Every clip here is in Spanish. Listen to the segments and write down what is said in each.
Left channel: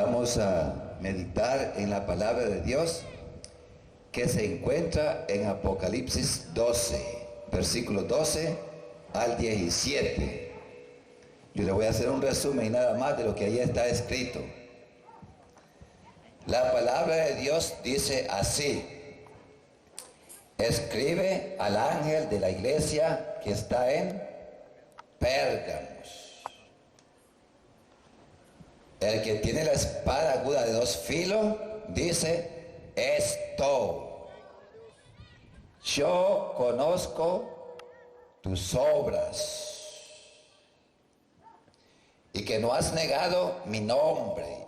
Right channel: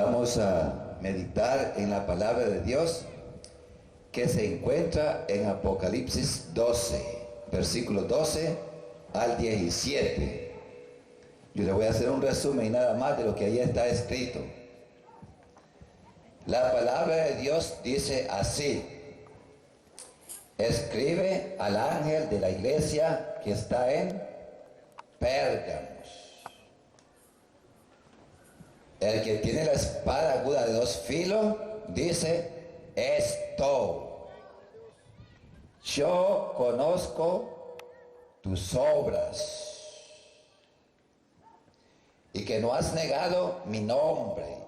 Vamos a meditar en la palabra de Dios que se encuentra en Apocalipsis 12, versículos 12 al 17. Yo le voy a hacer un resumen y nada más de lo que allí está escrito. La palabra de Dios dice así: escribe al ángel de la iglesia que está en Pérgamos. El que tiene la espada aguda de dos filos dice esto: yo conozco tus obras y que no has negado mi nombre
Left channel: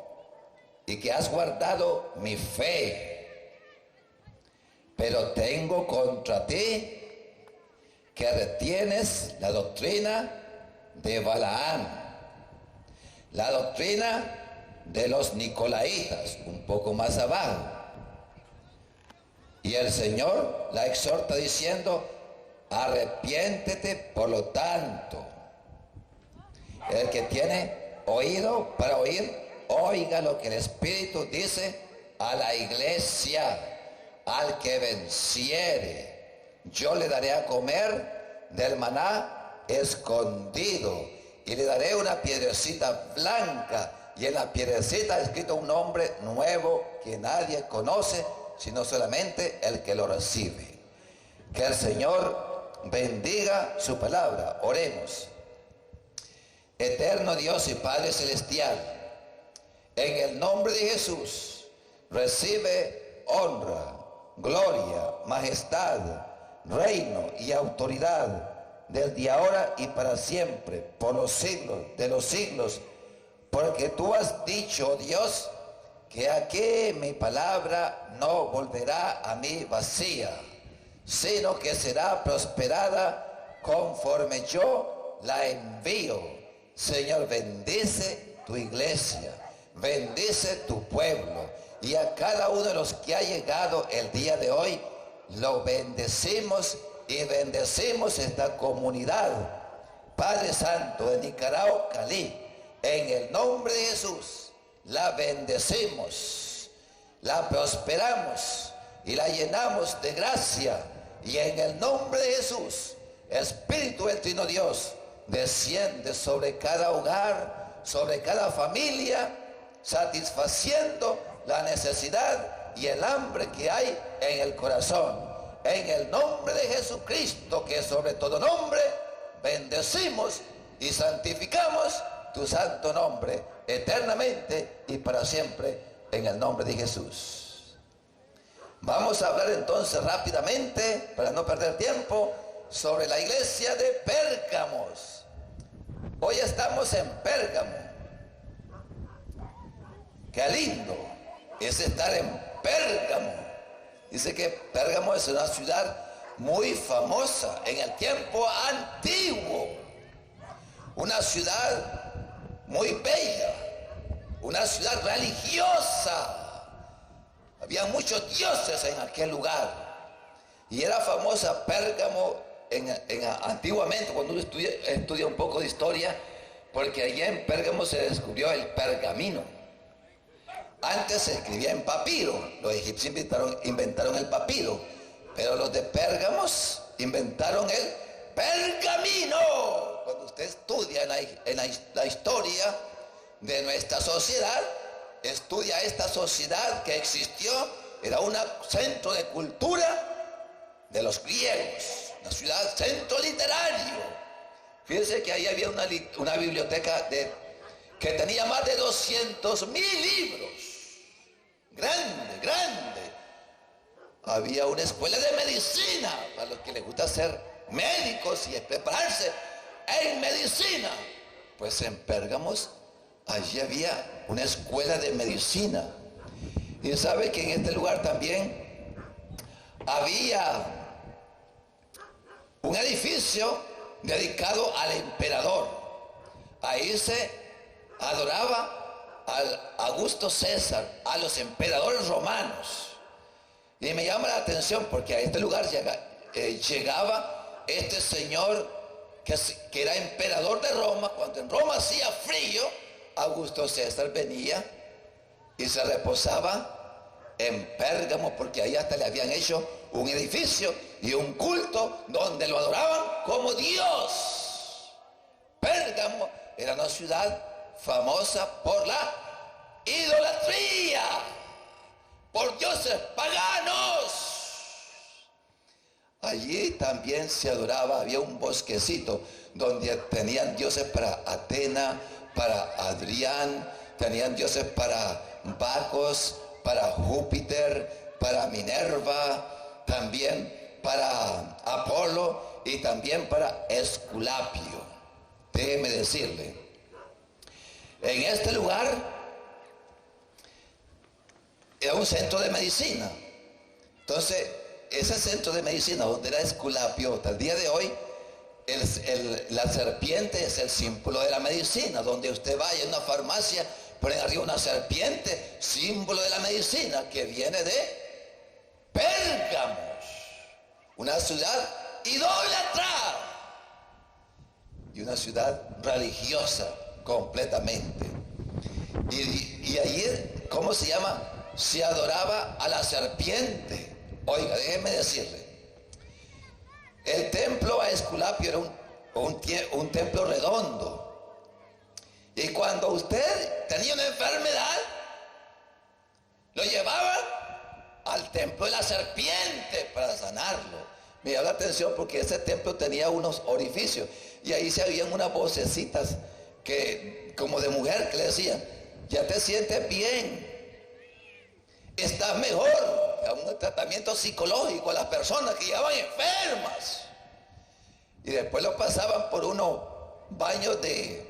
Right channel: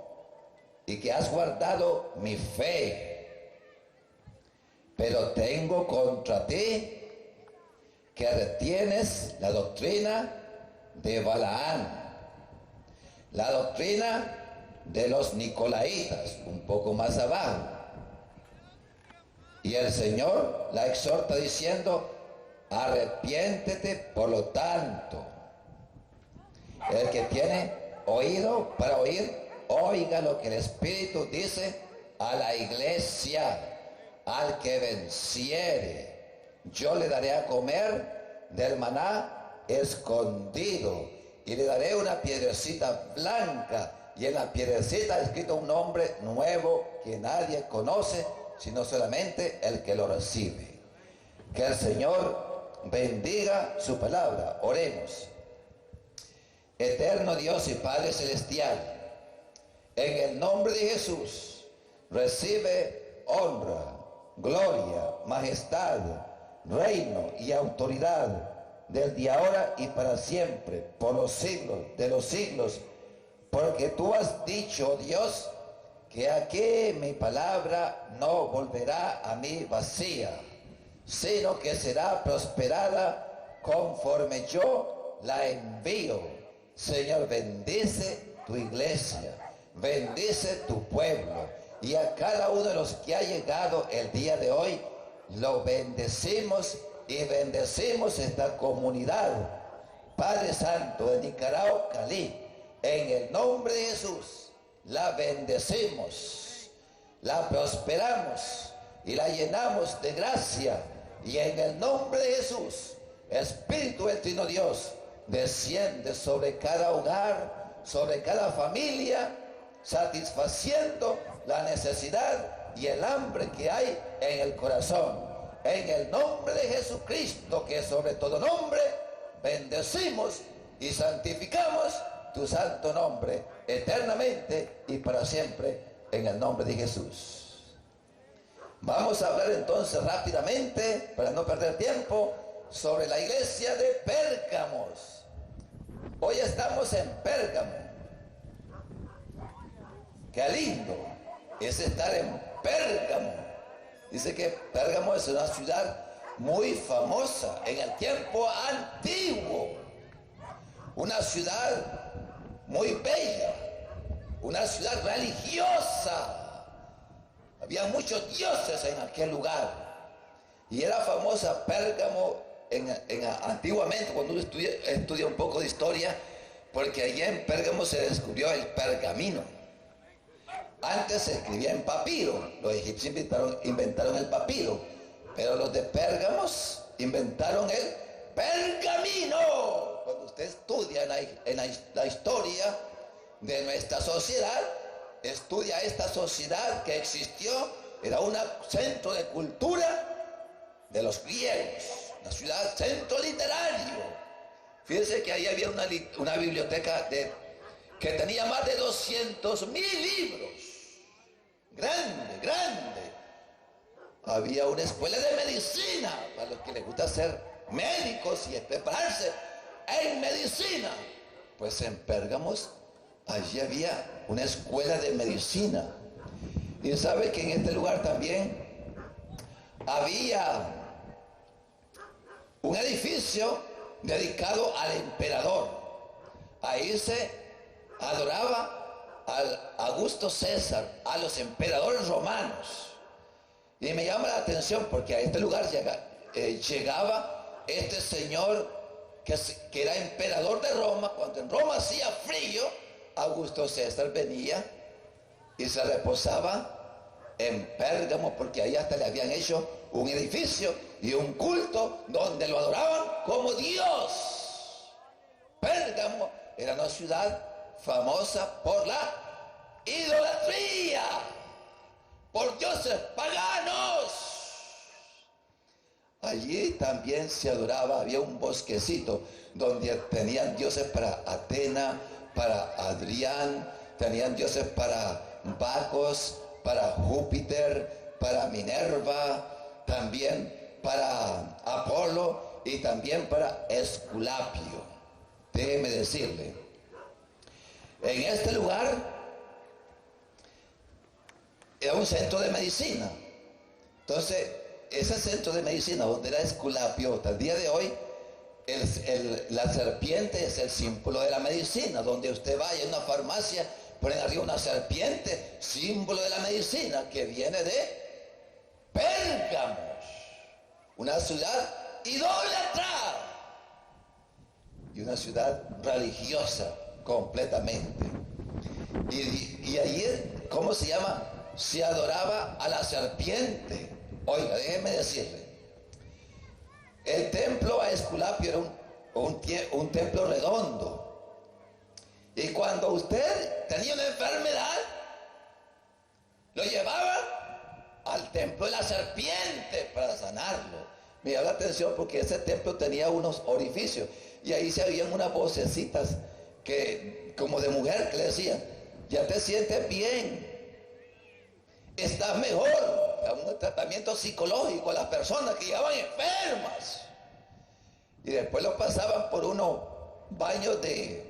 y que has guardado mi fe, pero tengo contra ti que retienes la doctrina de Balaam, la doctrina de los Nicolaitas, un poco más abajo. Y el Señor la exhorta diciendo: arrepiéntete por lo tanto. El que tiene oído para oír, oiga lo que el Espíritu dice a la iglesia. Al que venciere, yo le daré a comer del maná escondido, y le daré una piedrecita blanca, y en la piedrecita ha escrito un nombre nuevo que nadie conoce, sino solamente el que lo recibe. Que el Señor bendiga su palabra. Oremos. Eterno Dios y Padre Celestial, en el nombre de Jesús, recibe honra, gloria, majestad, reino y autoridad desde ahora y para siempre, por los siglos de los siglos, porque tú has dicho, Dios, que aquí mi palabra no volverá a mí vacía, sino que será prosperada conforme yo la envío. Señor, bendice tu iglesia, bendice tu pueblo, y a cada uno de los que ha llegado el día de hoy, lo bendecimos y bendecimos esta comunidad. Padre Santo de Nicaragua, Cali, en el nombre de Jesús, la bendecimos, la prosperamos y la llenamos de gracia. Y en el nombre de Jesús, Espíritu del Trino Dios, desciende sobre cada hogar, sobre cada familia, satisfaciendo la necesidad y el hambre que hay en el corazón. En el nombre de Jesucristo, que sobre todo nombre, bendecimos y santificamos tu santo nombre eternamente y para siempre, en el nombre de Jesús. Vamos a hablar entonces rápidamente, para no perder tiempo, sobre la iglesia de Pérgamos. Hoy estamos en Pérgamo. Qué lindo es estar en Pérgamo. Dice que Pérgamo es una ciudad muy famosa en el tiempo antiguo, una ciudad muy bella, una ciudad religiosa. Había muchos dioses en aquel lugar y era famosa Pérgamo antiguamente, cuando uno estudia un poco de historia, porque allá en Pérgamo se descubrió el pergamino. Antes se escribía en papiro, los egipcios inventaron el papiro, pero los de Pérgamos inventaron el pergamino. Cuando usted estudia la historia de nuestra sociedad, estudia esta sociedad que existió, era un centro de cultura de los griegos, una ciudad, centro literario. Fíjense que ahí había una biblioteca que tenía más de 200,000 libros, grande. Había una escuela de medicina para los que les gusta ser médicos y prepararse en medicina. Pues en Pérgamos allí había una escuela de medicina. Y sabe que en este lugar también había un edificio dedicado al emperador. Ahí se adoraba al Augusto César, a los emperadores romanos. Y me llama la atención porque a este lugar llegaba este señor que era emperador de Roma. Cuando en Roma hacía frío, Augusto César venía y se reposaba en Pérgamo, porque ahí hasta le habían hecho un edificio y un culto donde lo adoraban como Dios. Pérgamo era una ciudad famosa por la idolatría, por dioses paganos. Allí también se adoraba, había un bosquecito donde tenían dioses para Atena, para Adrián, tenían dioses para Bacos, para Júpiter, para Minerva, también para Apolo y también para Esculapio. Déjeme decirle, en este lugar era un centro de medicina. Entonces, ese centro de medicina donde era Esculapio, hasta el día de hoy, la serpiente es el símbolo de la medicina. Donde usted vaya a una farmacia, ponen arriba una serpiente, símbolo de la medicina, que viene de Pérgamos, una ciudad idólatra y una ciudad religiosa completamente. Y allí, ¿cómo se llama? Se adoraba a la serpiente. Oiga, déjeme decirle, el templo a Esculapio era un templo redondo. Y cuando usted tenía una enfermedad, lo llevaba al templo de la serpiente para sanarlo. Me llama la atención porque ese templo tenía unos orificios y ahí se oían unas vocecitas que, como de mujer, que le decían: ya te sientes bien, estás mejor. Un tratamiento psicológico a las personas que llegaban enfermas. Y después lo pasaban por unos baños de,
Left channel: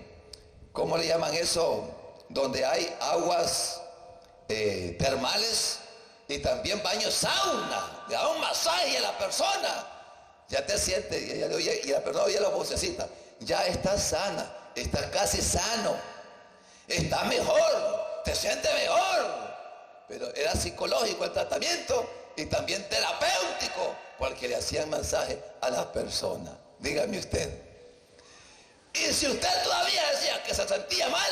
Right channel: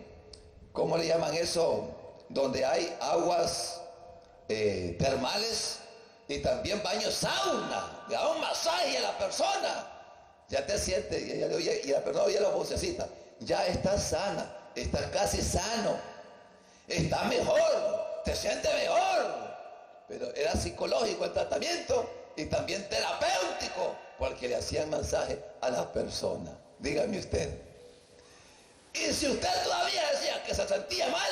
¿cómo le llaman eso? Donde hay aguas termales y también baños sauna. Le daban un masaje a la persona. Ya te sientes, y la persona oye la vocecita: ya estás sana, estás casi sano, estás mejor, te sientes mejor. Pero era psicológico el tratamiento y también terapéutico, porque le hacían masaje a las personas. Dígame usted. Y si usted todavía decía que se sentía mal,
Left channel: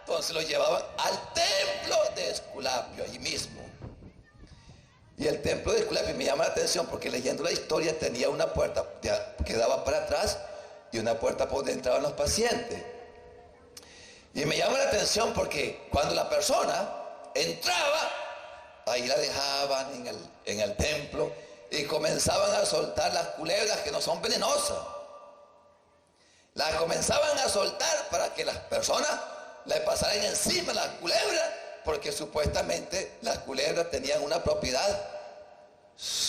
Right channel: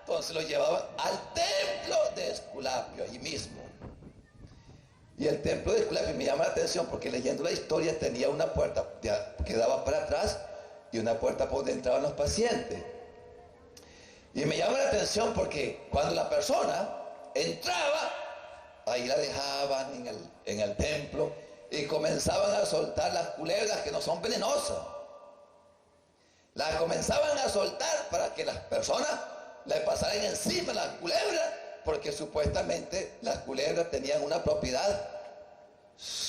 entonces lo llevaban al templo de Esculapio, allí mismo. Y el templo de Esculapio me llama la atención porque, leyendo la historia, tenía una puerta que daba para atrás y una puerta por donde entraban los pacientes. Y me llama la atención porque cuando la persona entraba, ahí la dejaban en el templo y comenzaban a soltar las culebras, que no son venenosas. Las comenzaban a soltar para que las personas le pasaran encima las culebras, porque supuestamente las culebras tenían una propiedad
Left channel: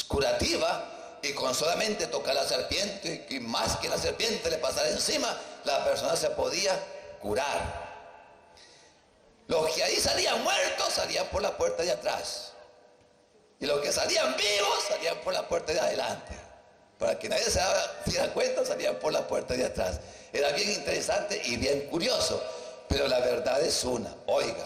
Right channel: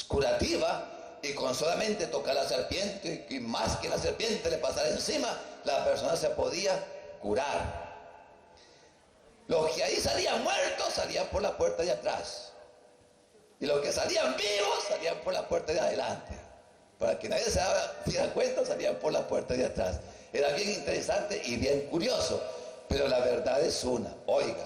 curativa, y con solamente tocar la serpiente, y más que la serpiente le pasara encima, la persona se podía curar. Los que ahí salían muertos salían por la puerta de atrás, y los que salían vivos salían por la puerta de adelante. Para que nadie se diera cuenta, salían por la puerta de atrás. Era bien interesante y bien curioso, pero la verdad es una. Oiga,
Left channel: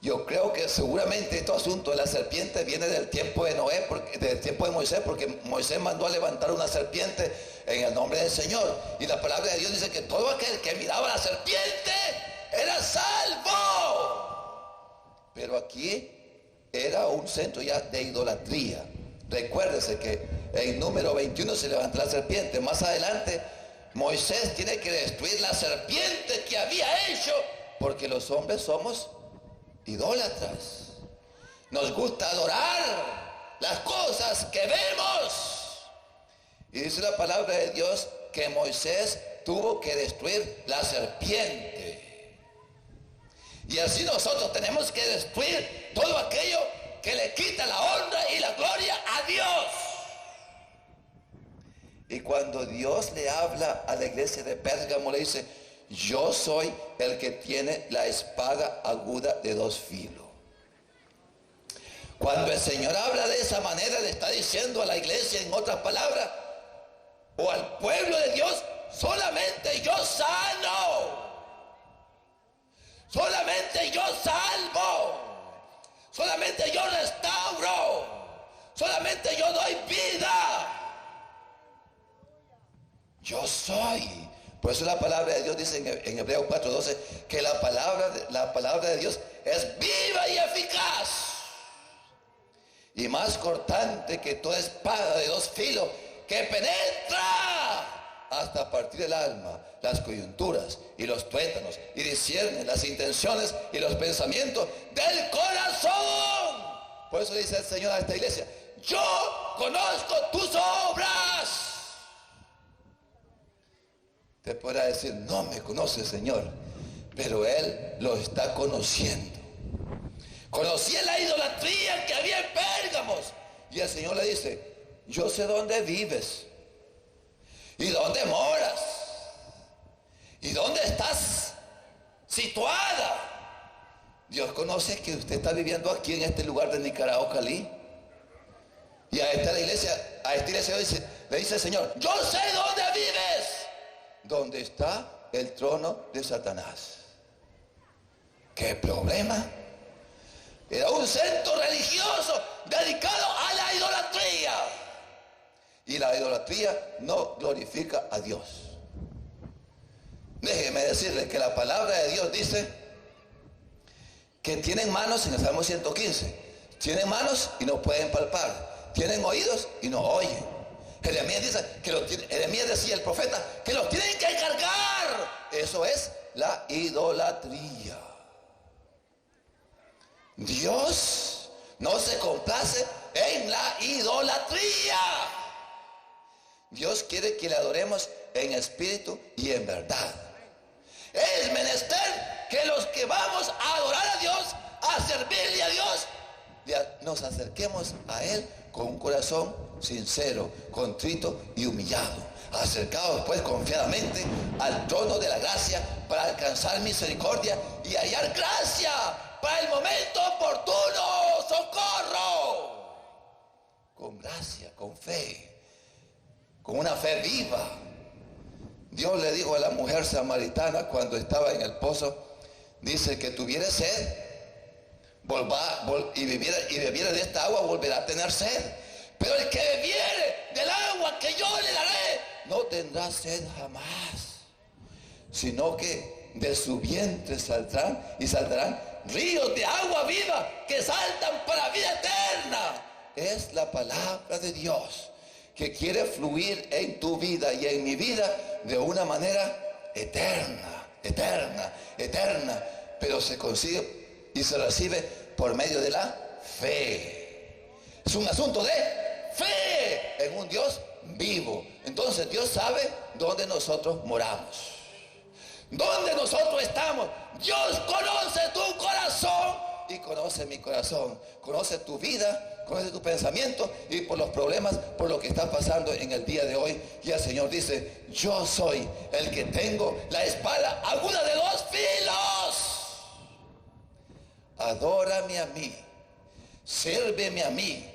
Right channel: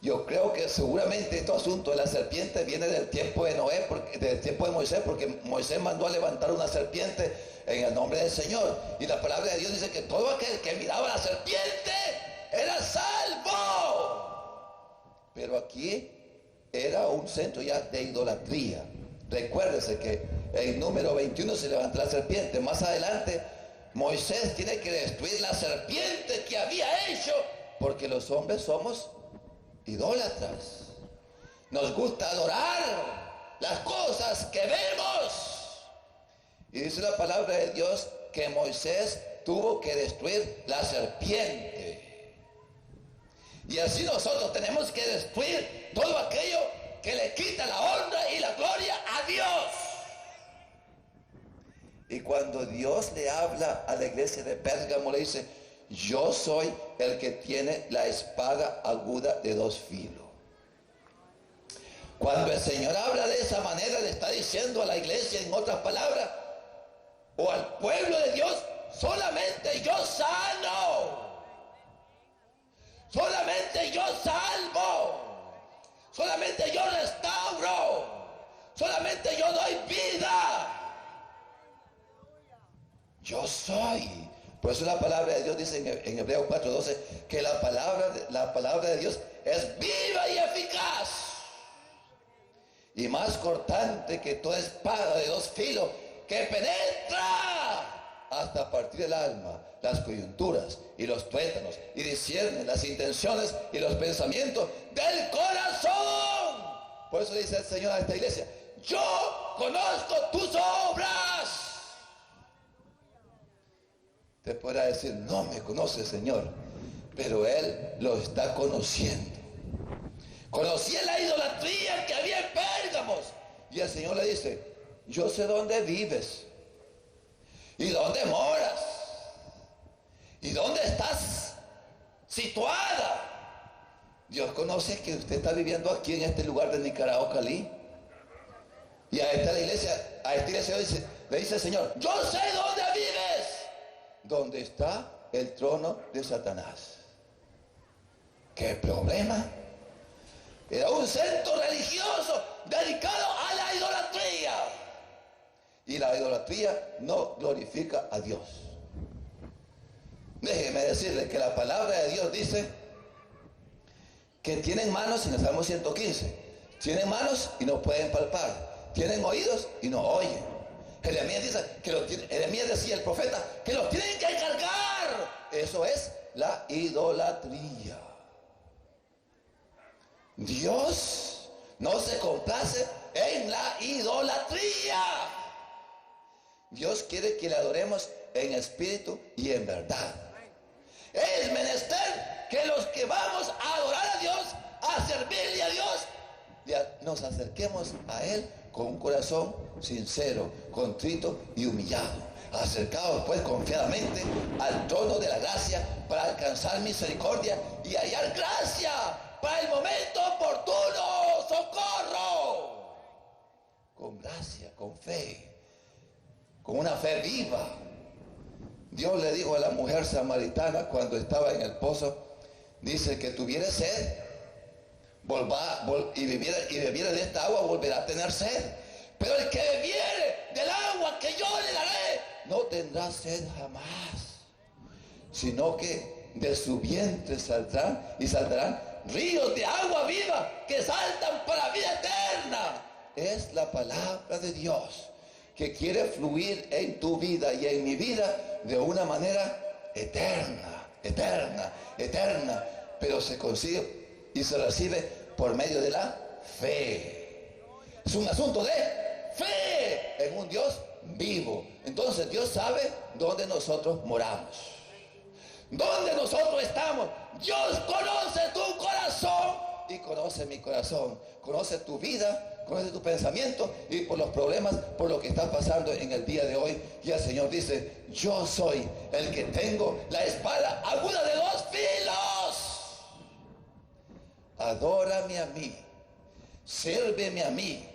yo creo que seguramente este asunto de la serpiente viene del tiempo de Noé, del tiempo de Moisés, porque Moisés mandó a levantar una serpiente en el nombre del Señor, y la palabra de Dios dice que todo aquel que miraba a la serpiente era salvo. Pero aquí era un centro ya de idolatría. Recuérdese que en número 21 se levanta la serpiente. Más adelante Moisés tiene que destruir la serpiente que había hecho, porque los hombres somos idólatras. Nos gusta adorar las cosas que vemos. Y dice la palabra de Dios que Moisés tuvo que destruir la serpiente. Y así nosotros tenemos que destruir todo aquello que le quita la honra y la gloria a Dios. Y cuando Dios le habla a la iglesia de Pérgamo, le dice: yo soy el que tiene la espada aguda de dos filos. Cuando el Señor habla de esa manera, le está diciendo a la iglesia, en otras palabras, o al pueblo de Dios: solamente yo sano, solamente yo salvo, solamente yo restauro, solamente yo doy vida. Yo soy, Por eso la palabra de Dios dice en Hebreos 4:12 que la palabra de Dios es viva y eficaz y más cortante que toda espada de dos filos, que penetra hasta partir el alma, las coyunturas y los tuétanos, y discierne las intenciones y los pensamientos del corazón. Por eso dice el Señor a esta iglesia: yo conozco tus obras. Te podrá decir: no me conoce, Señor, pero Él lo está conociendo. Conocía la idolatría que había en Pérgamos, y el Señor le dice: yo sé dónde vives y dónde moras y dónde estás situada. Dios conoce que usted está viviendo aquí en este lugar de Nicaragua, Cali. Y a esta iglesia le dice el Señor: yo sé dónde vives, donde está el trono de Satanás. ¿Qué problema? Era un centro religioso dedicado a la idolatría. Y la idolatría no glorifica a Dios. Déjeme decirle que la palabra de Dios dice que tienen manos, en el Salmo 115, tienen manos y no pueden palpar, tienen oídos y no oyen. Jeremías decía, el profeta, que los tienen que cargar. Eso es la idolatría. Dios no se complace en la idolatría. Dios quiere que le adoremos en espíritu y en verdad. Es menester que los que vamos a adorar a Dios, a servirle a Dios, nos acerquemos a Él con un corazón sincero, contrito y humillado. Acercados pues confiadamente al trono de la gracia para alcanzar misericordia y hallar gracia para el momento oportuno, socorro. Con gracia, con fe, con una fe viva. Dios le dijo a la mujer samaritana cuando estaba en el pozo, dice: que tuviera sed y bebiera de esta agua, volverá a tener sed. Pero el que bebiere del agua que yo le daré, no tendrá sed jamás, sino que de su vientre saldrán ríos de agua viva que saltan para vida eterna. Es la palabra de Dios que quiere fluir en tu vida y en mi vida de una manera eterna, eterna, eterna, pero se consigue y se recibe por medio de la fe. Es un asunto de fe en un Dios vivo. Entonces Dios sabe dónde nosotros moramos, dónde nosotros estamos. Dios conoce tu corazón y conoce mi corazón, conoce tu vida, conoce tu pensamiento y por los problemas, por lo que está pasando en el día de hoy. Y el Señor dice: yo soy el que tengo la espada aguda de dos filos. Adórame a mí, sírveme a mí,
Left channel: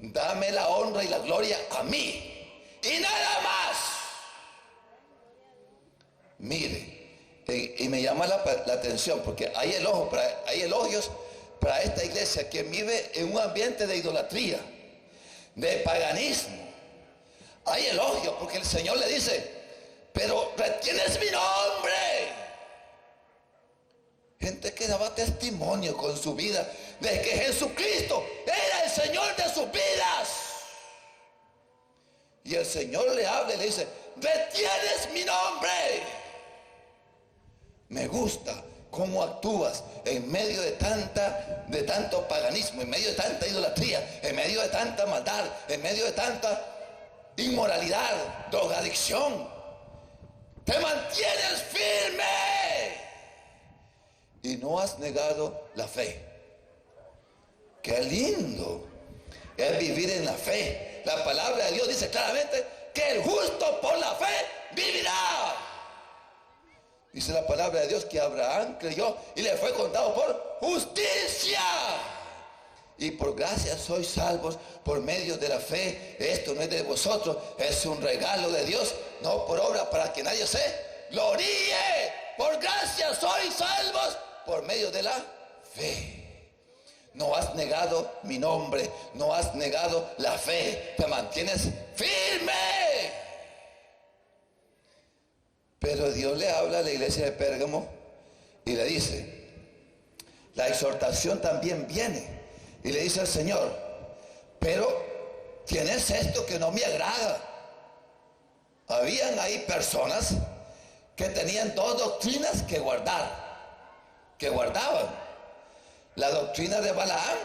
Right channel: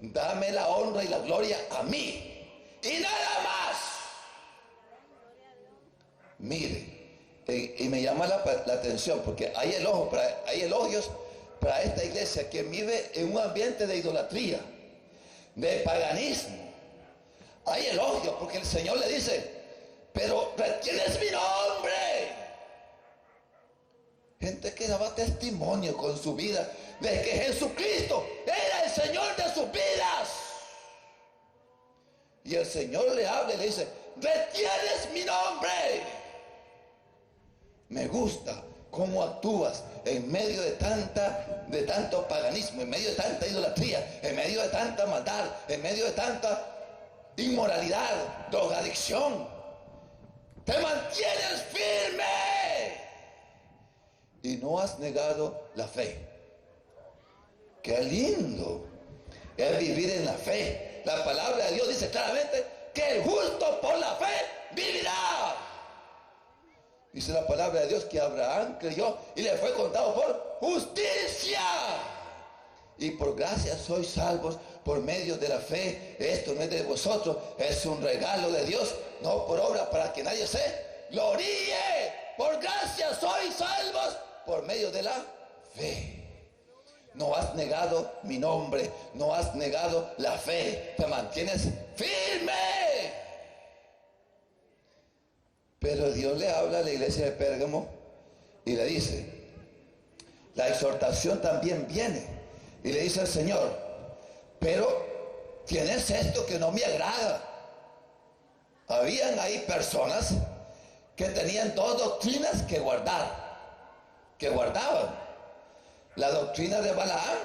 dame la honra y la gloria a mí y nada más. Mire, y me llama la atención porque hay elogios para esta iglesia que vive en un ambiente de idolatría, de paganismo. Hay elogios porque el Señor le dice: pero retienes mi nombre. Gente que daba testimonio con su vida de que Jesucristo era el Señor de sus vidas. Y el Señor le habla y le dice: retienes mi nombre. Me gusta cómo actúas en medio de tanto paganismo, en medio de tanta idolatría, en medio de tanta maldad, en medio de tanta inmoralidad, drogadicción. Te mantienes firme y no has negado la fe. Qué lindo es vivir en la fe. La palabra de Dios dice claramente que el justo por la fe vivirá. Dice la palabra de Dios que Abraham creyó y le fue contado por justicia. Y por gracia sois salvos por medio de la fe. Esto no es de vosotros, es un regalo de Dios, no por obra para que nadie se gloríe. Por gracia sois salvos por medio de la fe. No has negado mi nombre, no has negado la fe, te mantienes firme. Pero Dios le habla a la iglesia de Pérgamo y le dice, la exhortación también viene. Y le dice al Señor, pero tienes esto que no me agrada. Habían ahí personas que tenían dos doctrinas que guardaban. La doctrina de Balaam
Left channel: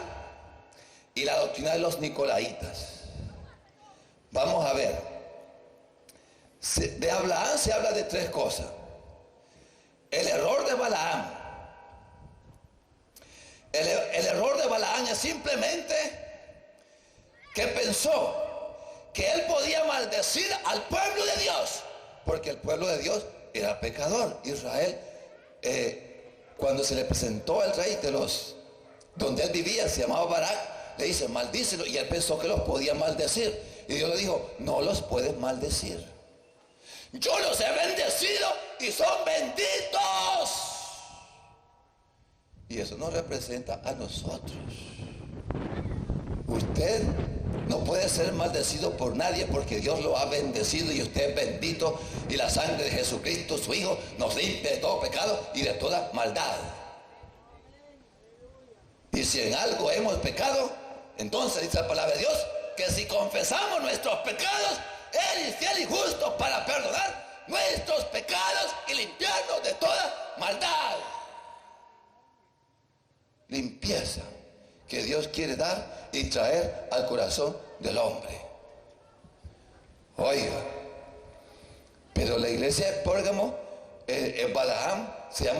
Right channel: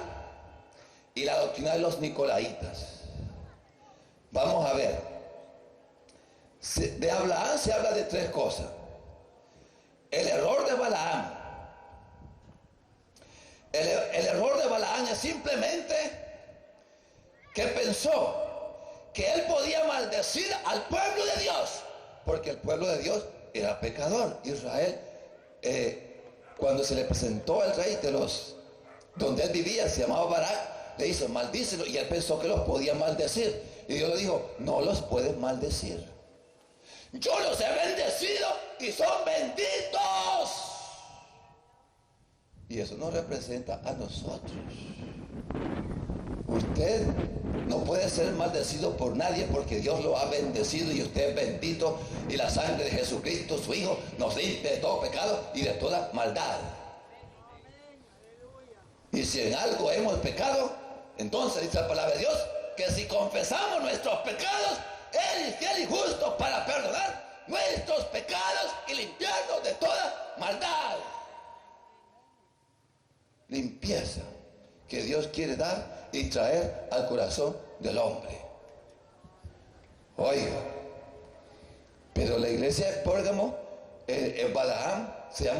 y la doctrina de los Nicolaitas. Vamos a ver. De Balaam se habla de tres cosas. El error de Balaam. El error de Balaam es simplemente que pensó que él podía maldecir al pueblo de Dios, porque el pueblo de Dios era pecador. Israel, cuando se le presentó al rey donde él vivía, se llamaba Barak, le dice, maldícelo, y él pensó que los podía maldecir, y Dios le dijo, no los puedes maldecir, yo los he bendecido y son benditos. Y eso nos representa a nosotros. Usted no puede ser maldecido por nadie, porque Dios lo ha bendecido y usted es bendito, y la sangre de Jesucristo, su Hijo, nos limpia de todo pecado y de toda maldad. Y si en algo hemos pecado, entonces dice la palabra de Dios, que si confesamos nuestros pecados, Él es fiel y justo para perdonar nuestros pecados y limpiarnos de toda maldad. Limpieza que Dios quiere dar y traer al corazón del hombre. Oiga, pero la iglesia de Pérgamo, en Balaam, se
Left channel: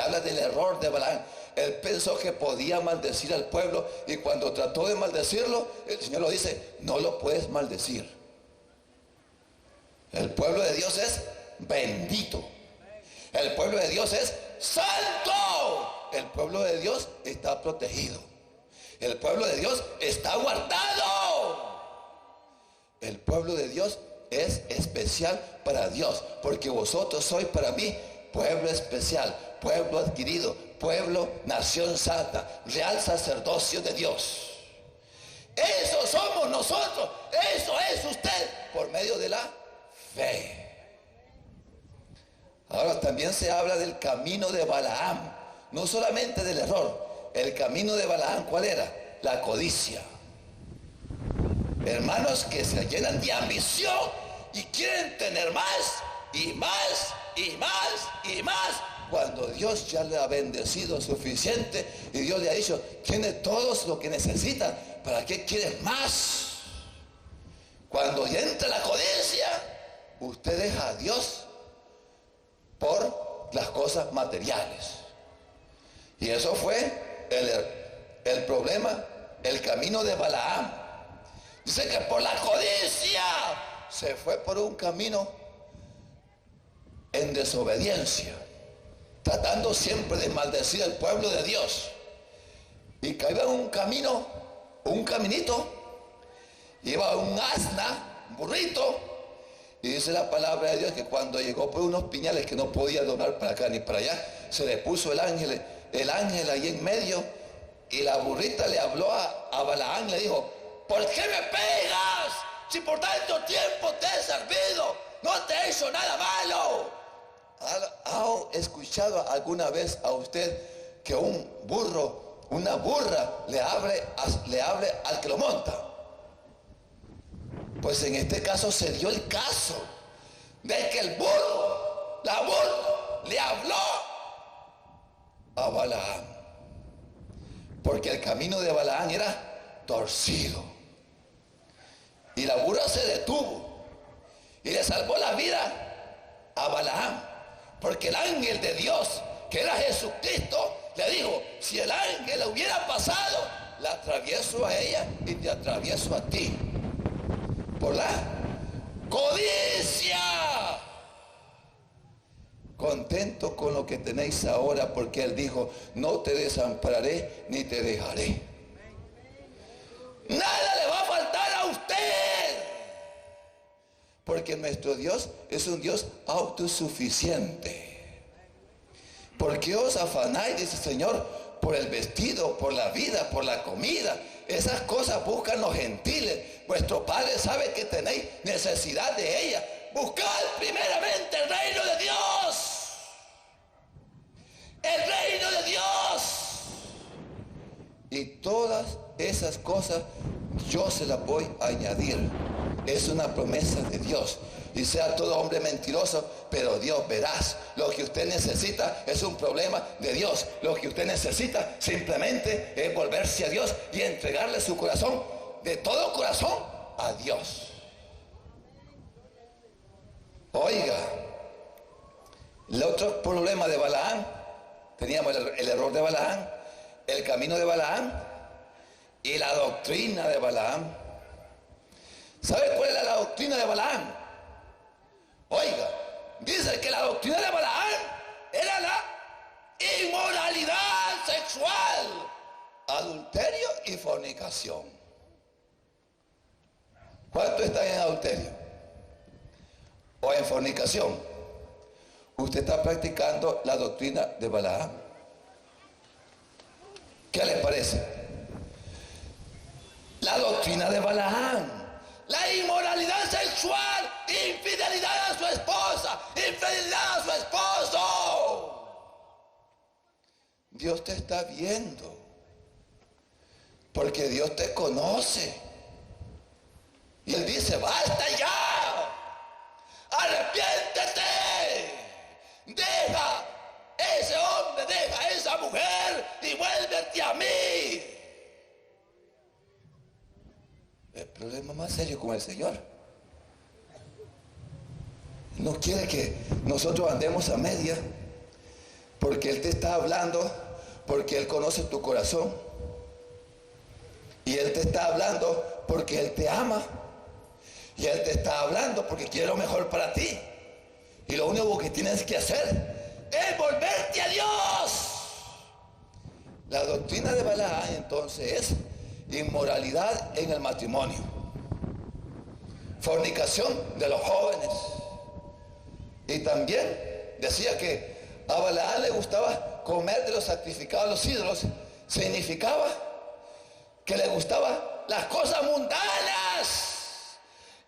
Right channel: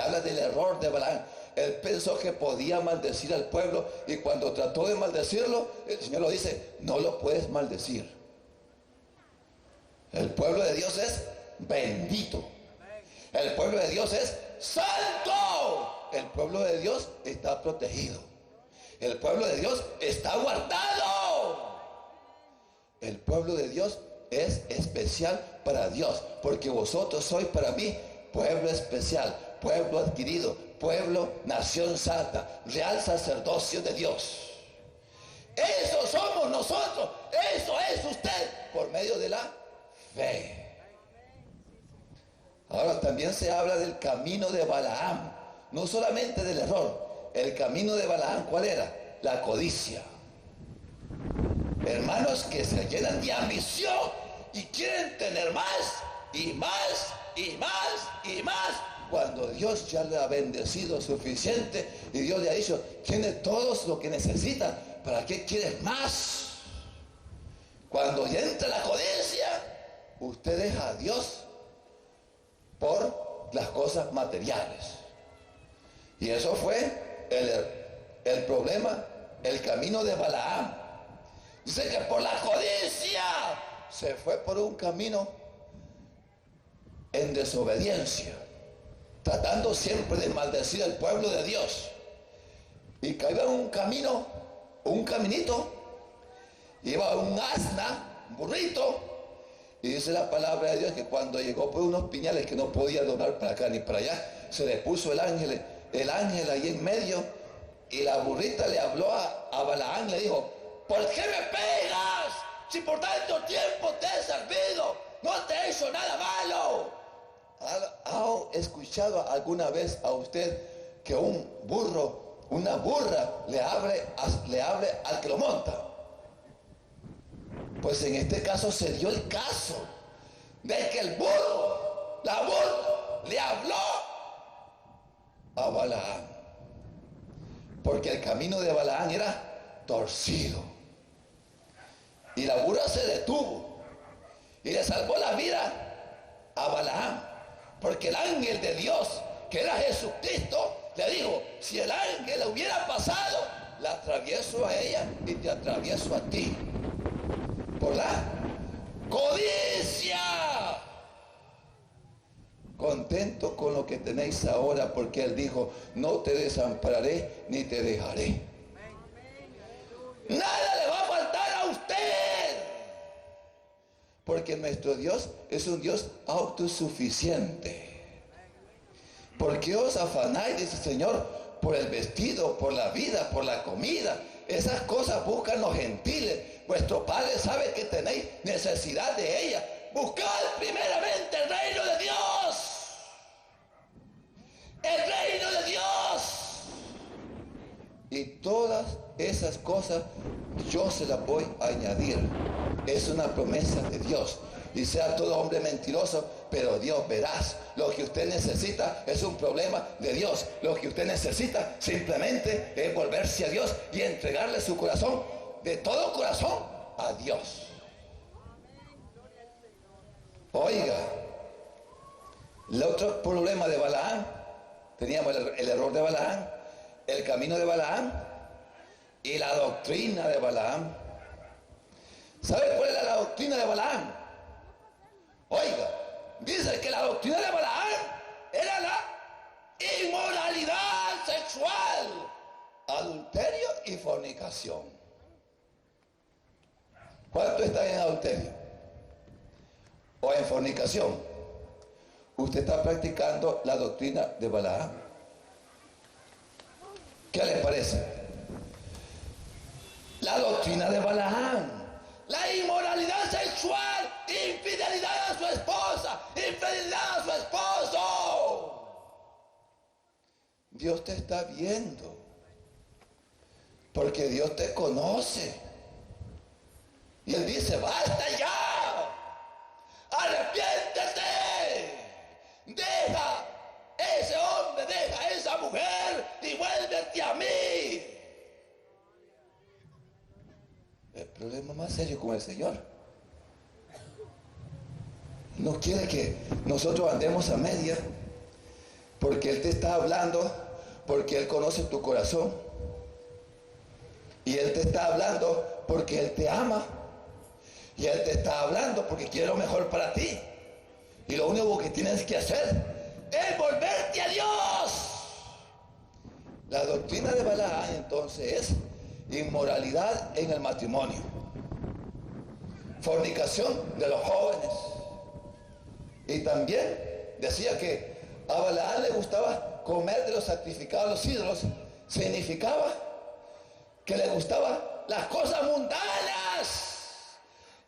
habla del error de Balaam. Él pensó que podía maldecir al pueblo, y cuando trató de maldecirlo, el Señor lo dice, no lo puedes maldecir. El pueblo de Dios es bendito. El pueblo de Dios es santo. El pueblo de Dios está protegido. El pueblo de Dios está guardado. El pueblo de Dios es especial para Dios, porque vosotros sois para mí pueblo especial, pueblo adquirido, pueblo, nación santa, real sacerdocio de Dios. Eso somos nosotros, eso es usted, por medio de la fe. Ahora también se habla del camino de Balaam, no solamente del error. El camino de Balaam, ¿cuál era? La codicia. Hermanos que se llenan de ambición y quieren tener más y más y más y más, cuando Dios ya le ha bendecido suficiente y Dios le ha dicho, tiene todo lo que necesita, ¿para qué quieres más? Cuando ya entra la codicia, usted deja a Dios por las cosas materiales. Y eso fue el problema, el camino de Balaam. Dice que por la codicia se fue por un camino en desobediencia, tratando siempre de maldecir al pueblo de Dios. Y cayó en un camino, un caminito, iba un asna, un burrito, y dice la palabra de Dios que cuando llegó por unos piñales que no podía doblar para acá ni para allá, se le puso el ángel ahí en medio, y la burrita le habló a Balaam, le dijo, ¿por qué me pegas? Si por tanto tiempo te he servido, no te he hecho nada malo. ¿Ha escuchado alguna vez a usted que un burro, una burra le hable al que lo monta? Pues en este caso se dio el caso de que la burra le habló a Balaam, porque el camino de Balaam era torcido, y la burra se detuvo y le salvó la vida a Balaam, porque el ángel de Dios, que era Jesucristo, le dijo, si el ángel la hubiera pasado, la atravieso a ella y te atravieso a ti, por la codicia. Contento con lo que tenéis ahora, porque Él dijo, no te desampararé ni te dejaré. Nada le va a faltar a usted, porque nuestro Dios es un Dios autosuficiente. ¿Por qué os afanáis, dice el Señor, por el vestido, por la vida, por la comida? Esas cosas buscan los gentiles. Vuestro Padre sabe que tenéis necesidad de ella. Buscad primeramente el reino de Dios. El reino de Dios. Y todas esas cosas yo se las voy a añadir. Es una promesa de Dios. Y sea todo hombre mentiroso, pero Dios verás. Lo que usted necesita es un problema de Dios. Lo que usted necesita simplemente es volverse a Dios y entregarle su corazón de todo corazón a Dios. Oiga, el otro problema de Balaam, teníamos el error de Balaam, el camino de Balaam y la doctrina de Balaam. ¿Sabe cuál era la doctrina de Balaam? Oiga, dice que la doctrina de Balaam era la inmoralidad sexual, adulterio y fornicación. ¿Cuánto está en adulterio o en fornicación? Usted está practicando la doctrina de Balaam. ¿Qué les parece? La doctrina de Balaam. La inmoralidad sexual, infidelidad a su esposa, infidelidad a su esposo. Dios te está viendo, porque Dios te conoce. Y Él dice, basta ya, arrepiéntete, deja ese hombre, deja esa mujer y vuélvete a mí. El problema más serio con el Señor. No quiere que nosotros andemos a media, porque Él te está hablando, porque Él conoce tu corazón. Y Él te está hablando porque Él te ama. Y Él te está hablando porque quiere lo mejor para ti. Y lo único que tienes que hacer es volverte a Dios. La doctrina de Balaam entonces es inmoralidad en el matrimonio, fornicación de los jóvenes. Y también decía que a Balaam le gustaba comer de los sacrificados a los ídolos. Significaba que le gustaban las cosas mundanas,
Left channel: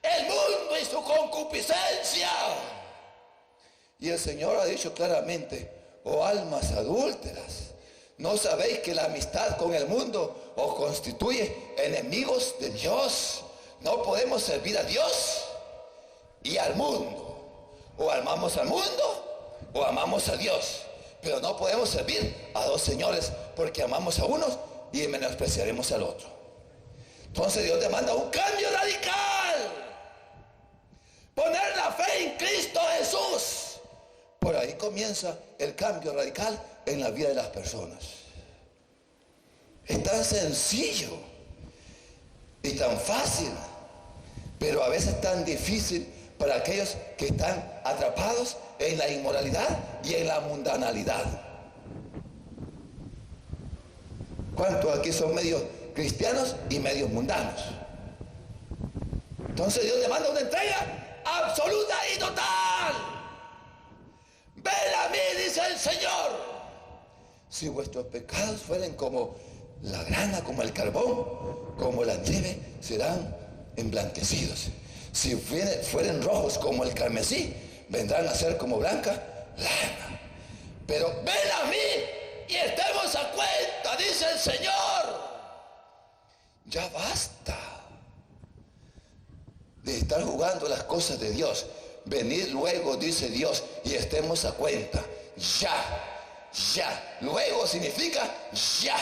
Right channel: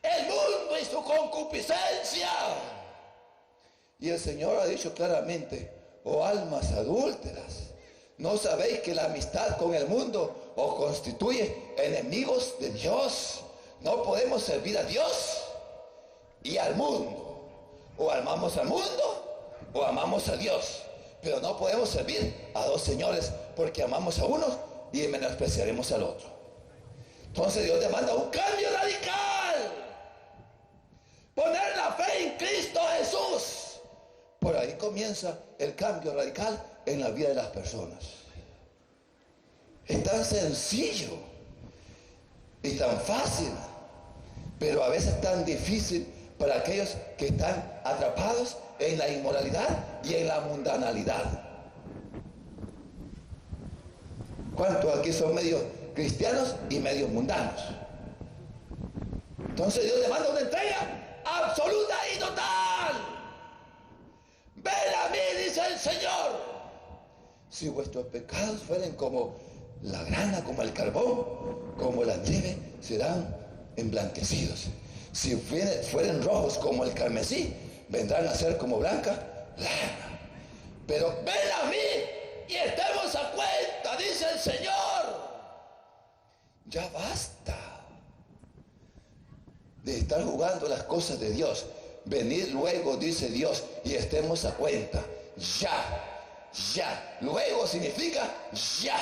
el mundo y su concupiscencia. Y el Señor ha dicho claramente, oh almas adúlteras, ¿no sabéis que la amistad con el mundo os constituye enemigos de Dios? No podemos servir a Dios y al mundo. O amamos al mundo o amamos a Dios. Pero no podemos servir a dos señores, porque amamos a uno y menospreciaremos al otro. Entonces Dios demanda un cambio radical. Poner la fe en Cristo Jesús. Por ahí comienza el cambio radical en la vida de las personas. Es tan sencillo y tan fácil, pero a veces tan difícil para aquellos que están atrapados en la inmoralidad y en la mundanalidad. ¿Cuántos aquí son medios cristianos y medios mundanos? Entonces Dios demanda una entrega absoluta y total. Ven a mí, dice el Señor. Si vuestros pecados fueren como la grana, como el carbón, como la nieve, serán emblanquecidos. Si fueren rojos como el carmesí, vendrán a ser como blanca lana. Pero ven a mí y estemos a cuenta, dice el Señor. Ya basta de estar jugando las cosas de Dios. Venid luego, dice Dios, y estemos a cuenta. Ya. Luego significa ya.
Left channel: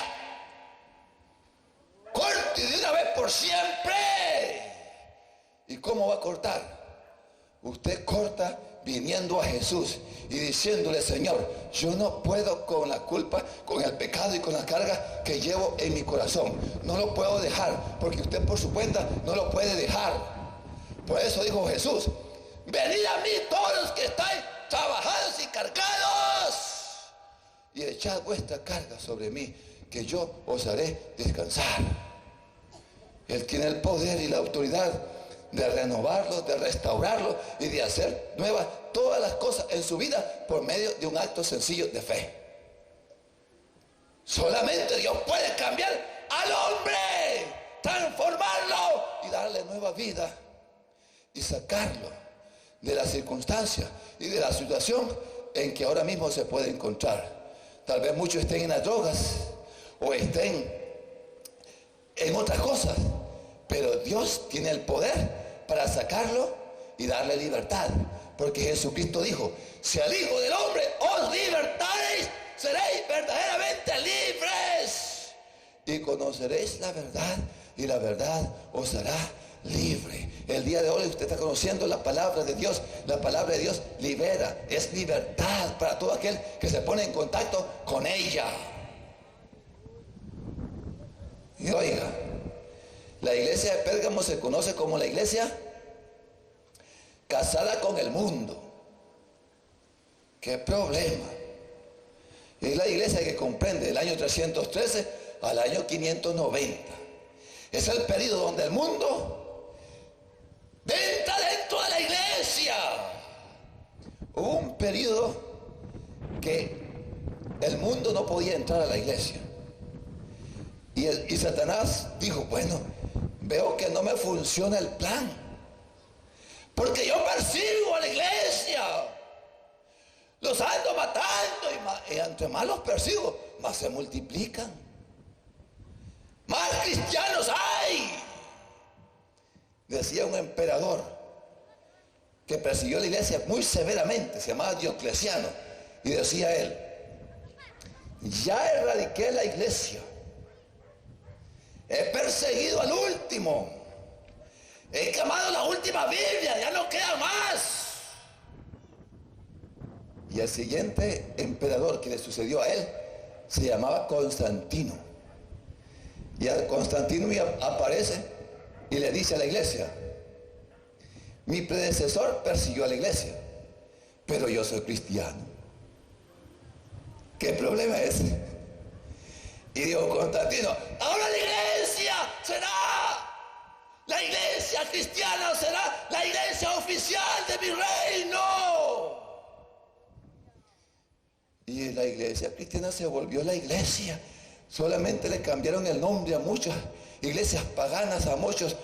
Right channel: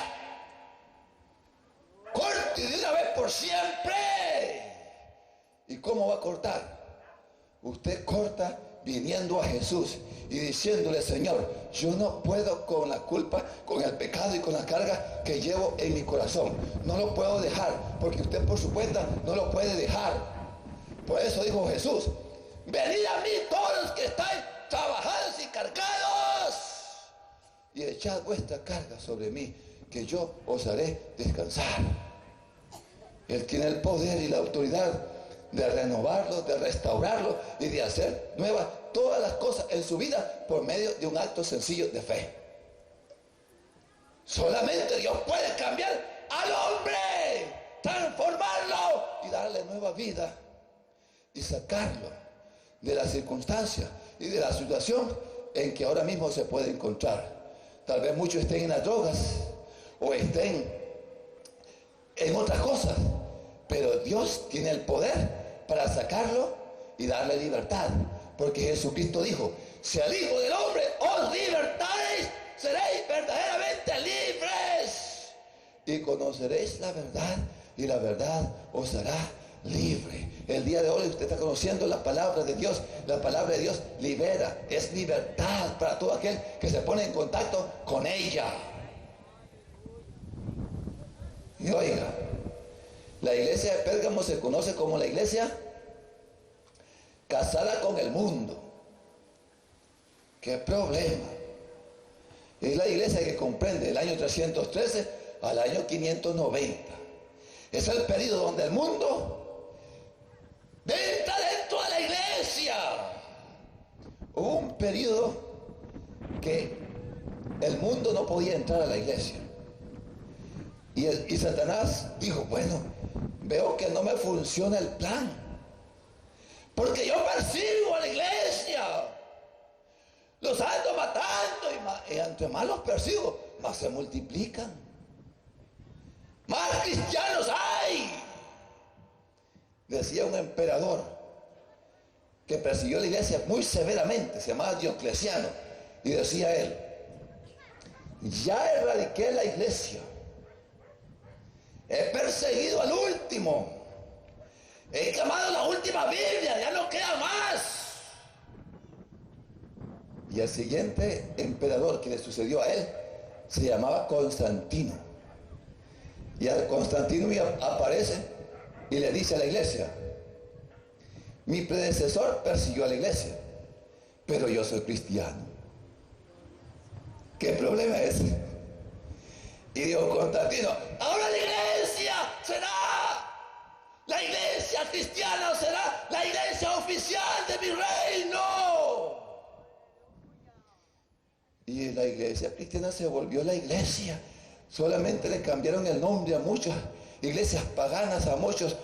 Corte de una vez por siempre. ¿Y cómo va a cortar? Usted corta viniendo a Jesús y diciéndole, Señor, yo no puedo con la culpa, con el pecado y con la carga que llevo en mi corazón. No lo puedo dejar, porque usted por su cuenta no lo puede dejar. Por eso dijo Jesús, venid a mí todos los que estáis trabajados y cargados, y echad vuestra carga sobre mí, que yo os haré descansar. Él tiene el poder y la autoridad de renovarlo, de restaurarlo y de hacer nuevas todas las cosas en su vida por medio de un acto sencillo de fe. Solamente Dios puede cambiar al hombre, transformarlo y darle nueva vida y sacarlo de las circunstancias y de la situación en que ahora mismo se puede encontrar. Tal vez muchos estén en las drogas o estén en otras cosas, pero Dios tiene el poder para sacarlo y darle libertad, porque Jesucristo dijo: si al Hijo del Hombre os libertareis, seréis verdaderamente libres y conoceréis la verdad, y la verdad os hará libre. El día de hoy usted está conociendo la palabra de Dios. La palabra de Dios libera, es libertad para todo aquel que se pone en contacto con ella. Y oiga, la iglesia de Pérgamo se conoce como la iglesia casada con el mundo. ¿Qué problema? Es la iglesia que comprende el año 313 al año 590. Es el periodo donde el mundo entra dentro de la iglesia. Hubo un periodo que el mundo no podía entrar a la iglesia. Y Satanás dijo: bueno, veo que no me funciona el plan, porque yo persigo a la iglesia, los ando matando, y entre más los persigo, más se multiplican, más cristianos hay. Decía un emperador que persiguió a la iglesia muy severamente, se llamaba Diocleciano, y decía él: ya erradiqué la iglesia, he perseguido al último, he quemado la última Biblia, ya no queda más. Y el siguiente emperador que le sucedió a él se llamaba Constantino. Y a Constantino aparece y le dice a la iglesia: mi predecesor persiguió a la iglesia, pero yo soy cristiano. ¿Qué problema es ese? Y dijo Constantino: ahora la iglesia será, la iglesia cristiana será la iglesia oficial de mi reino. Y la iglesia cristiana se volvió la iglesia. Solamente le cambiaron el nombre a muchas iglesias paganas, a muchos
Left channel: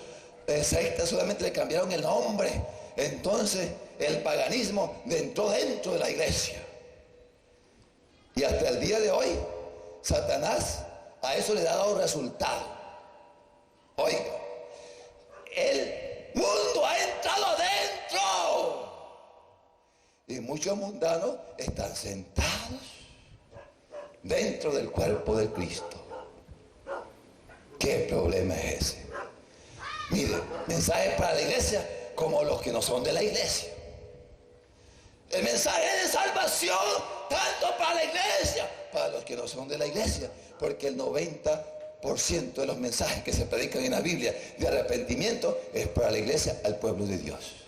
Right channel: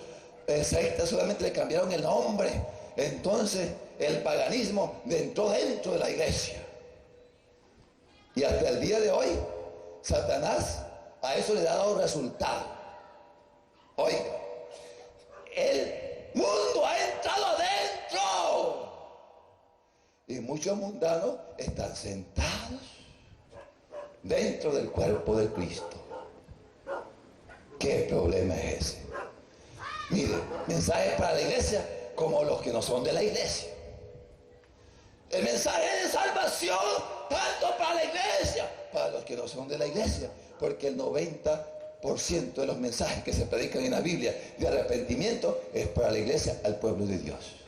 sectas, solamente le cambiaron el nombre. Entonces el paganismo entró dentro de la iglesia. Y hasta el día de hoy, Satanás a eso le ha dado resultado. Oiga, el mundo ha entrado adentro. Y muchos mundanos están sentados dentro del cuerpo de Cristo. ¿Qué problema es ese? Mire, mensajes para la iglesia como los que no son de la iglesia. El mensaje de salvación tanto para la iglesia, para los que no son de la iglesia, porque el 90% de los mensajes que se predican en la Biblia de arrepentimiento es para la iglesia, al pueblo de Dios.